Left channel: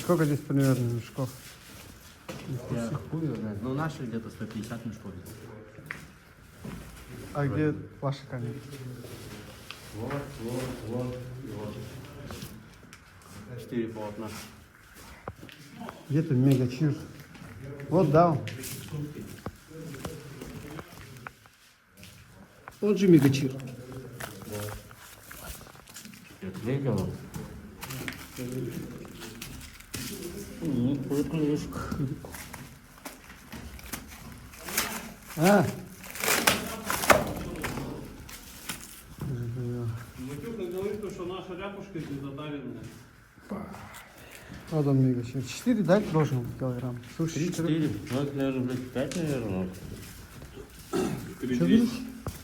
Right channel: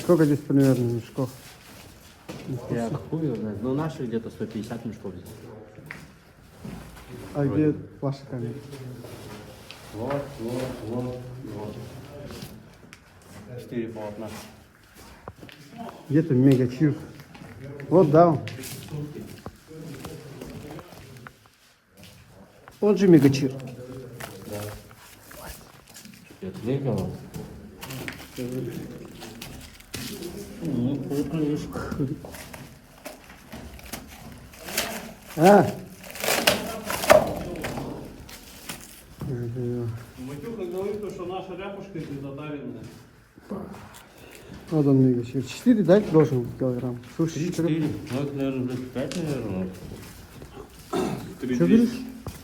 Сколько здесь примерно мешков? Я хуй его знает. Ну, наши где-то 150 мешков. А где ваша коллега? Вот. 4 полотна. Где-то мега чирс. Вот, да. Вот же мега чир. Да. Я ответил. Ну, приколюшка. А? Матюха говорит, что наша ряпушка здесь затаренная. Вот он мега чир. 4, да, должен быть килограмм? Слушай, 3-4. Ну, это, наверное, 5, наверное. Что говоришь?